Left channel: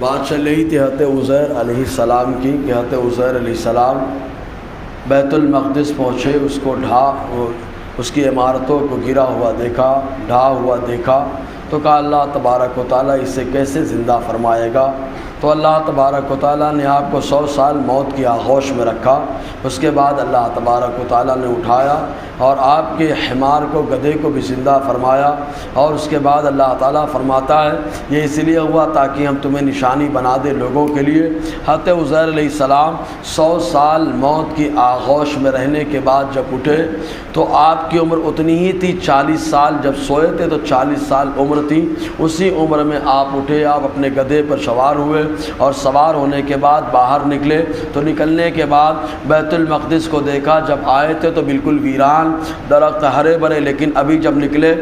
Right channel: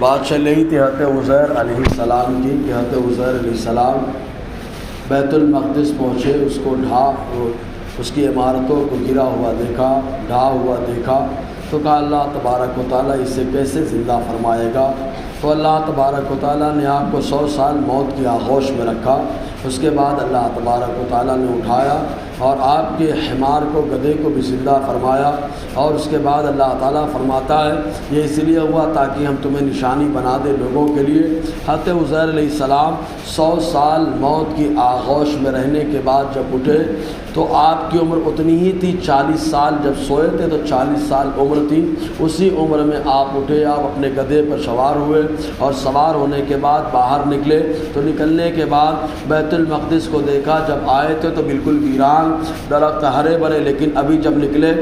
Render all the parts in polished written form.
بات چل رہی تھی حضرت عزیر علیہ السلام کی کہ حضرت عزیر علیہ السلام بیت المقدس پہنچے، اس کو اس کی عمارتوں کو گرا ہوا دیکھا، ڈھا ہوا دیکھا، تو کہا اللہ تبارک و تعالیٰ اسے کیسے زندہ فرمائے گا؟ تو اللہ تبارک و تعالیٰ نے آپ کو 100 سال موت کی آغوش میں رکھا۔ اس کے بعد اللہ تبارک و تعالیٰ نے اٹھایا اور آپ کے حمار کو، گدھے کو بھی زندہ فرمایا، اور اس کے بعد اللہ تعالیٰ فرماتا ہے یہ اس لیے ہوا تاکہ ہم تمہیں نشانی بنا دیں لوگوں کے لیے۔ حضرت عزیر علیہ السلام 100 سال موت کی آغوش میں رہنے کے بعد جب اٹھے تو آپ کی عمر اتنی ہی تھی، 40 سال جب سوئے تھے تو 40 سال عمر تھی، اسی عمر میں آپ اٹھے، آپ اپنے گدھے پر سوار ہوئے اور سوار ہونے کے بعد باہر نکلے۔ تو نکلنے کے بعد بیت المقدس کو دیکھا، جب آئے تھے تو بالکل ویران، درخت ہرے بھرے، لیکن ابھی جب نکلے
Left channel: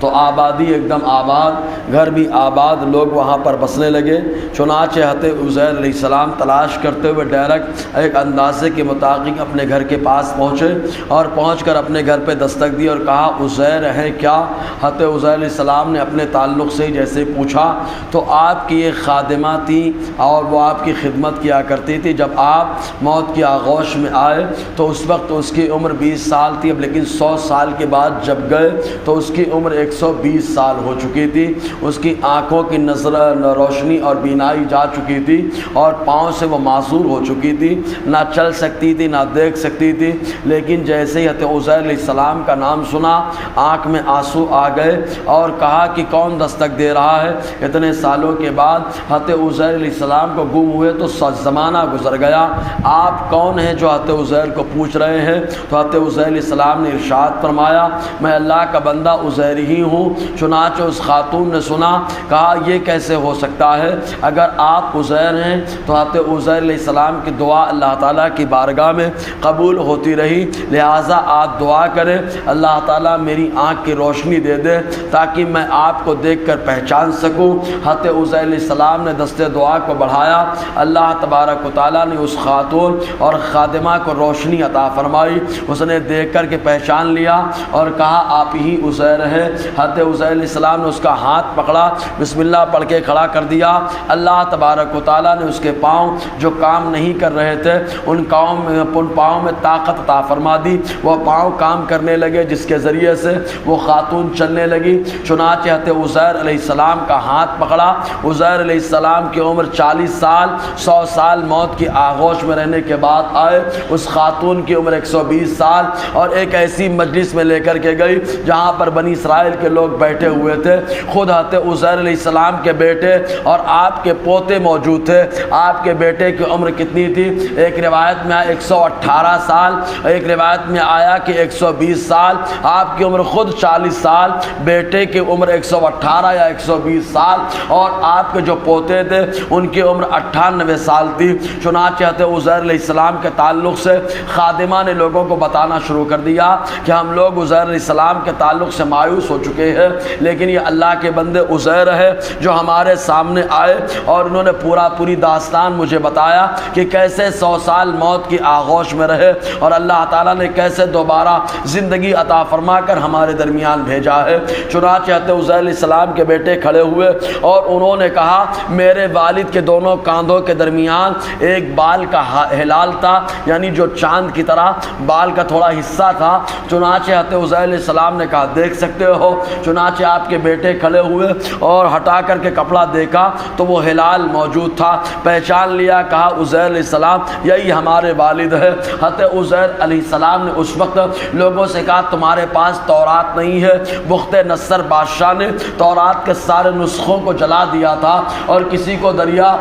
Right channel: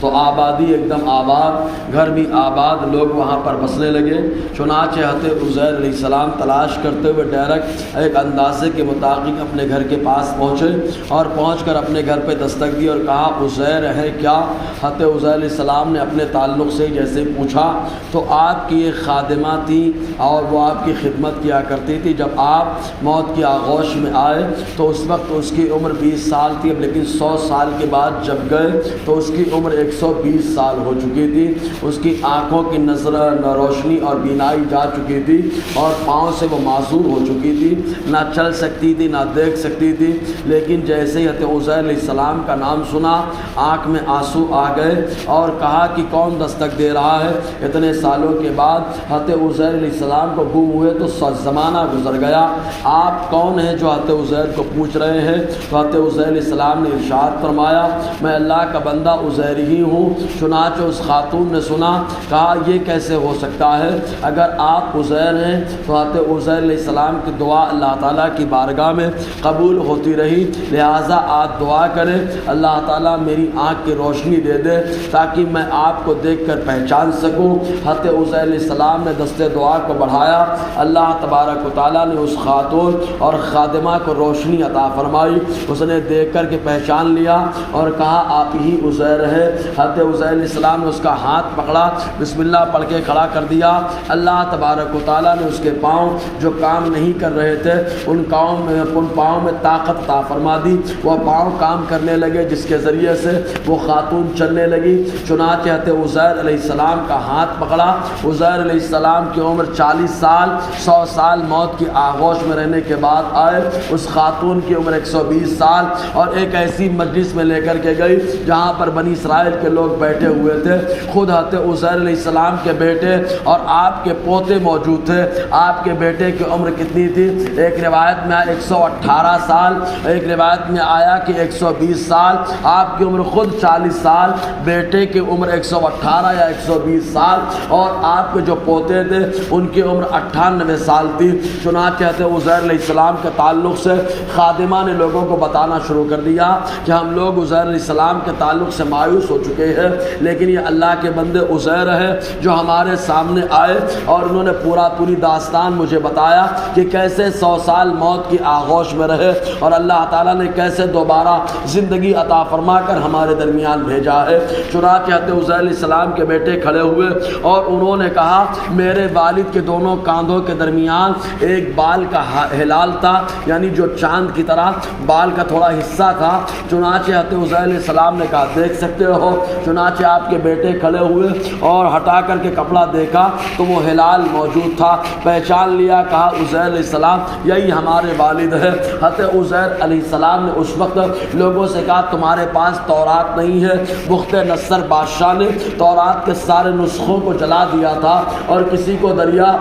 تو آبادی ایک دم آباد، گھر بھی آباد، لوگ وہاں پر بسنے لگے۔ چنانچہ حضرت عزیر علیہ السلام تلاش کرتے ہوئے ڈائریکٹ ایک اندازے کے مطابق اپنے گھر کے پاس پہنچے اور پہنچ کر اپنے گھر پہ دستک دی اور کہا عزیر ہے کیا؟ حضرت عزیر علیہ السلام نے اپنے تعلق سے جیسے پوچھا تو آپ کی ایک خادمہ تھی اور وہ آپ کی خدمت کیا کرتی تھی۔ جب آپ موت کی آغوش میں آئے تو اس وقت اس کی عمر 20 سال تھی، اب لیکن 100 سال کے بعد جب گئے تو اس کی عمر 120 سال ہو چکی تھی۔ اس کی آنکھوں کی نظر روشنی اور بینائی جا چکی تھی اور پاؤں سے وہ معذور ہو چکی تھی، نہ چل سکتی تھی نہ دیکھ سکتی تھی۔ لیکن جیسے ہی حضرت عزیر علیہ السلام کا نام سنا آنکھ میں آنسو آ گئے اور کہا کہ کون دستک دے رہا ہے؟ اتنے سالوں کے بعد حضرت عزیر علیہ السلام کو گم ہوئے تو زمانہ گزر گیا، آپ کون ہیں جو حضرت عزیر کو پوچھ رہے ہیں؟ تو حضرت عزیر علیہ السلام نے ارشاد فرمایا میں اللہ کا بندہ عزیر ہی ہوں۔ چنانچہ اس خاتون نے سنا، کہا یہ کیسے ہو سکتا ہے؟ اگر آپ عزیر ہیں تو حضرت عزیر علیہ السلام کی دعا اللہ تعالیٰ کی بارگاہ میں قبول ہوتی رہی، لہٰذا آپ دعا کریں اللہ تعالیٰ میری آنکھ کی روشنی دے دے تاکہ میں آپ کو دیکھ کر پہچان سکوں۔ حضرت عزیر علیہ السلام نے دست دعا کو بڑھایا، اللہ تبارک و تعالیٰ نے اس خاتون اور خادمہ کو روشنی عطا فرمائی، اس نے دیکھ کر کے پہچان لیا اور کہا آپ ہی عزیر ہے۔ حضرت عزیر علیہ السلام نے اس کا ہاتھ پکڑا، بسم اللہ پڑھ کے کھڑا کر دیا۔ اللہ تبارک و تعالیٰ نے اس کے پاؤں جو کام نہیں کر رہے تھے ان پاؤں میں طاقت عطا فرما دی، وہ پاؤں کام کرنے لگے جس کے ذریعے سے وہ خاتون چلنے لگی۔ چنانچہ حضرت عزیر علیہ السلام کا ہاتھ پکڑا۔ عزیر علیہ السلام کی عمر 40 سال، 100 سال موت کی آغوش میں رہنے کے بعد آئے، اس خاتون کی عمر 120 سال، اور ایک ایسی مجلس میں لے کر کے گئی جہاں پر بنی اسرائیل کے لوگ بیٹھے ہوئے تھے، خود حضرت عزیر علیہ السلام کے بیٹے اور آپ کے پوتے موجود تھے۔ آپ کے بیٹے کی عمر کتنی تھی؟ ایک روایت میں 118 سال، ایک روایت میں آیا کہ 120 سال، آپ کی عمر خود 40 سال، بیٹے کی عمر 118 یا 120 سال، اور آپ کے جو پوتے تھے ان کی عمر 98 سال تھی۔ چنانچہ حضرت عزیر علیہ السلام کے تعلق سے خادمہ نے لوگوں کو بتانا شروع کر دیا کہ ہم لوگ عزیر علیہ السلام کے تعلق سے مایوس ہو چکے ہیں، لیکن یہ اللہ کے بندے عزیر ہے جو ہمارے سامنے آئے اور انہوں نے پوری داستان مجھے بتایا کہ کیسے 100 سال موت کی آغوش میں رہے اور اللہ تعالیٰ نے کیسے دوبارہ زندگی عطا فرما کر ہمارے درمیان بھیجا ہے۔ چنانچہ حضرت عزیر علیہ السلام کے بیٹے کھڑے ہوئے اور انہوں نے کہا میرے والد کے دونوں کاندھوں کے درمیان ایک بال کا ہلال تھا، یعنی جو چاند کی طرح بال کا تھوڑا حصہ تھا۔ چنانچہ حضرت عزیر علیہ السلام نے کہا دیکھ سکتے ہو؟ چنانچہ آپ کے بیٹے کھڑے ہوئے اور ہٹا کر کے کپڑا دیکھا تو وہ ہلال موجود تھا، پہچان لیا، کہا عزیر علیہ السلام یہی ہمارے والد ہے۔ حضرت عزیر علیہ السلام نے اس وقت لوگوں سے کہا تمہارے پاس تورات نہیں ہے؟ بخت نصر بادشاہ نے تورات کے سارے نسخوں کو جلا دیا تھا اور کسی کو دریا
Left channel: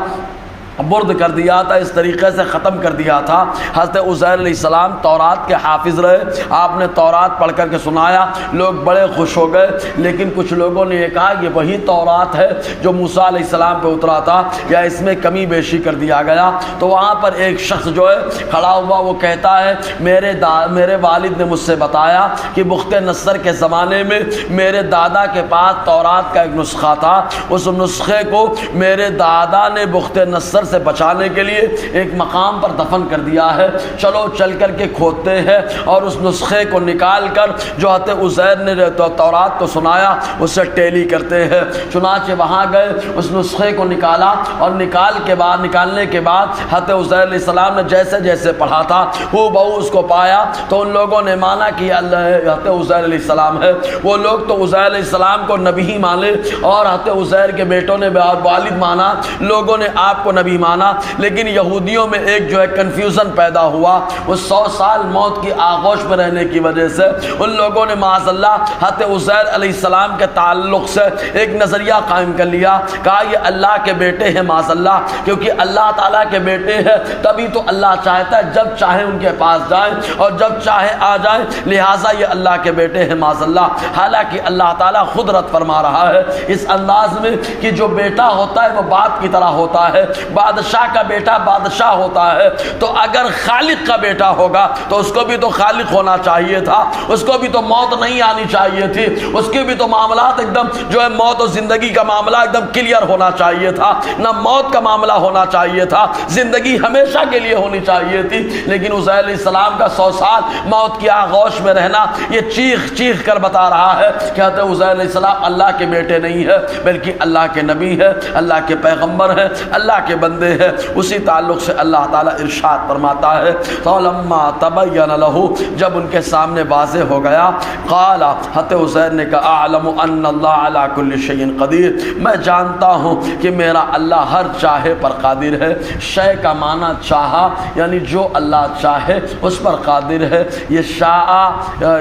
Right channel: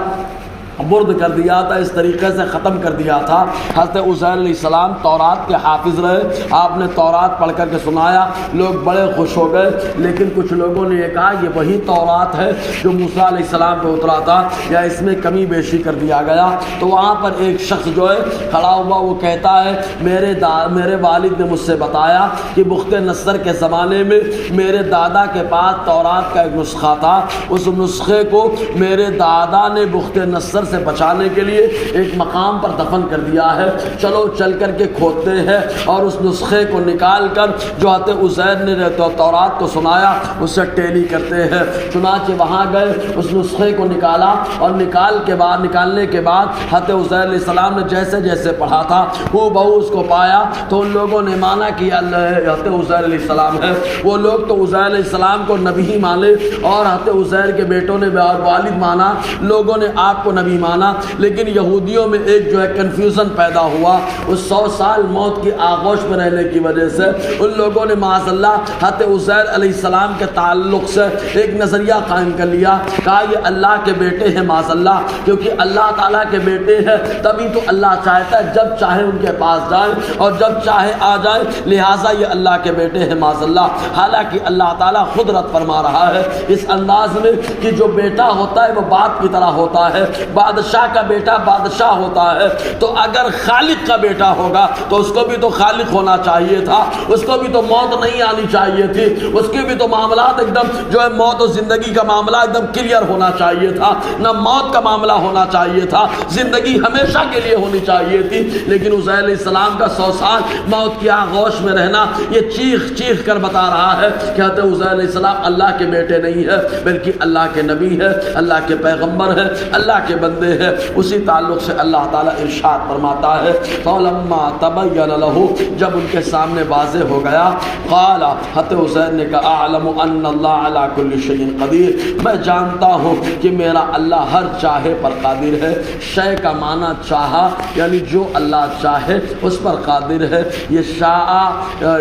برد کر دیا تھا، اس طریقے سے ختم کر دیا تھا۔ حضرت عزیر علیہ السلام تورات کے حافظ رہے، آپ نے تورات پڑھ کر کے سنایا، لوگ بڑے خوش ہو گئے، لیکن کچھ لوگوں نے یہ کہا یہ وہی تورات ہے جو موسیٰ علیہ السلام پہ اترا تھا یا اس میں کمی بیشی کر دیا گیا؟ تو وہاں پر ایک شخص جو ہے کھڑا ہوا، وہ کہتا ہے میرے والد نے مجھ سے بتایا کہ بخت نصر کے زمانے میں میرے دادا کے پاس تورات کا ایک نسخہ تھا، اس نسخے کو میرے دادا نے بخت نصر سے بچانے کے لیے ایک مقام پر دفن کر دیا ہے، چلو چل کر کے کھودتے ہیں اور اس نسخے کو نکال کر جو حضرت عزیر نے تورات کو سنایا اس سے ٹیلی کرتے ہیں۔ چنانچہ وہاں گئے، اس نسخے کو نکالا اور نکالنے کے بعد حضرت عزیر علیہ السلام نے جیسے جیسے پڑھا تھا ہو بہو اس کو پایا، تو ان لوگوں نے مانا کہ اللہ حضرت عزیر علیہ السلام ہے۔ وہ لوگ تو عزیر علیہ السلام کو نبی ہی مانے اور حضرت عزیر کے بیٹوں نے والد مانا، لوگوں نے آپ کو نبی مانا، لیکن یہودیوں میں ایک جو ہے کنفیوژن پیدا ہوا۔ اس 100 سال موت کی آغوش میں رہنے کی وجہ سے ان لوگوں نے معاذ اللہ حضرت عزیر علیہ السلام کے تعلق سے ایک نظریہ قائم کر لیا، کہا یہ اللہ کے بیٹے ہیں معاذ اللہ، کیونکہ اللہ تعالیٰ کے بیٹے ہیں تبھی تو اللہ چاہتا ہے جب چاہے ان کے پاس جائیں اور جب چاہے آ جائیں، لہٰذا یہ اللہ کے بیٹے ہیں معاذ اللہ۔ حالانکہ اللہ تعالیٰ خود رد فرما رہا ہے اس انداز میں کہ جو بیٹا ہوتا ہے وہ باپ کی طرح ہوتا ہے، بادشاہ کا بیٹا بادشاہ ہوتا ہے، تو اگر خالق کا بیٹا ہوگا تو اس کو بھی تو خالق ہونا چاہیے تھا، اس کو بھی تو موت نہیں آنی چاہیے تھی، اس کے بھی تو معاملات ایک دم جو ہے موت و زندگی کا معاملہ ایک دم کلیئر ہونا چاہیے تھا، نہ موت کا معاملہ ہونا چاہیے تھا، زندگی ہمیشہ کے لیے ہونی چاہیے تھی۔ لیکن عزیر علیہ السلام کا 100 سال موت کی آغوش میں رہنا یہ چیخ چیخ کر بتا رہا ہے کہ حضرت عزیر علیہ السلام اللہ کے بیٹے نہیں ہے بلکہ اللہ کے نبی ہے، اللہ کے پیغمبر ہے، اللہ کے بندے ہیں۔ اسی تعلق سے اللہ تعالیٰ ارشاد فرماتا ہے فَلَمَّا تَبَيَّنَ لَهُ، جب ان کے سامنے واضح ہو گیا، قال حضرت عزیر نے کہا اعلم ان اللہ علی کل شیء قدیر، میں جانتا ہوں کہ میرا اللہ ہر چاہے پر قادر ہے۔ شے کا معنی چاہا، یعنی جو اللہ چاہے اس پر قادر ہے۔ یہ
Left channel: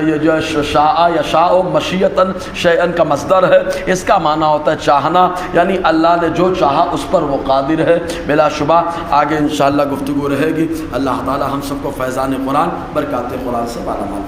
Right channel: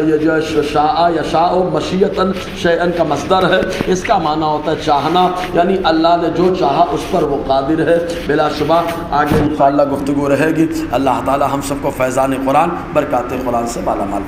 یہ جو شاء یشاء مشیتاً شیئن کا مصدر ہے، اس کا معنی ہوتا ہے چاہنا، یعنی اللہ نے جو چاہا اس پر وہ قادر ہے۔ بلا شبہ آگے انشاءاللہ گفتگو رہے گی۔ اللہ تعالی ہم سب کو فیضان قرآن برکات قرآن سے مالا مال